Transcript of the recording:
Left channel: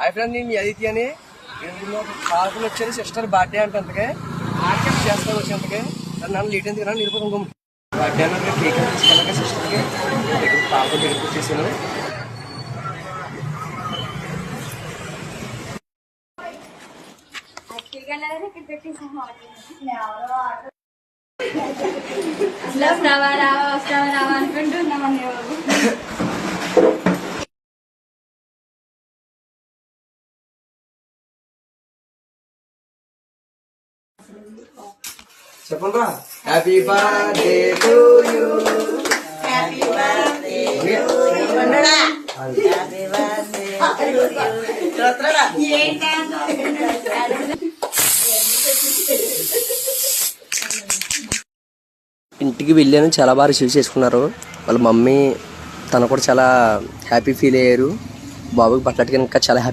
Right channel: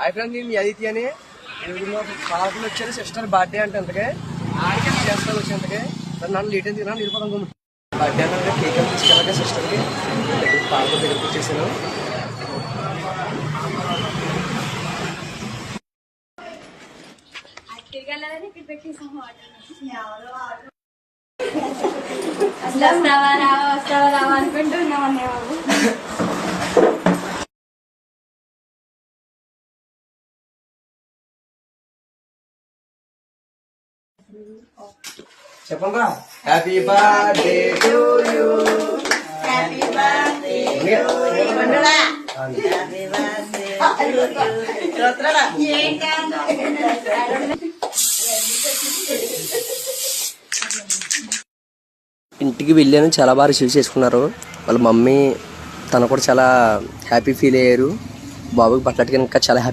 Hi friend, నేను అదితి అని కాకులు వచ్చారు. సిస్టర్ బర్త్డే అంటే అంతకే ఆడికి చేస్తాను వచ్చేంతకే నన్ను లేట్ అని తిన్నాను నిరుపదం గుమ్మి బర్త్డే అంటే కేక్ అని తీసుకెళ్ళక సిస్టర్కి పాప దగ్గరికి వచ్చేసాను. చెప్పండి. Happy birthday to you, happy birthday ఇంటికి వెళ్ళాను. చాలా బాగా రిసీవ్ చేసుకున్నారు. వాళ్ళ మమ్మీ తను కూడా చాలా హ్యాపీ ఫీల్ అయ్యారు. బాబుకి బట్టలకి ఇంకా చాలా హ్యాపీ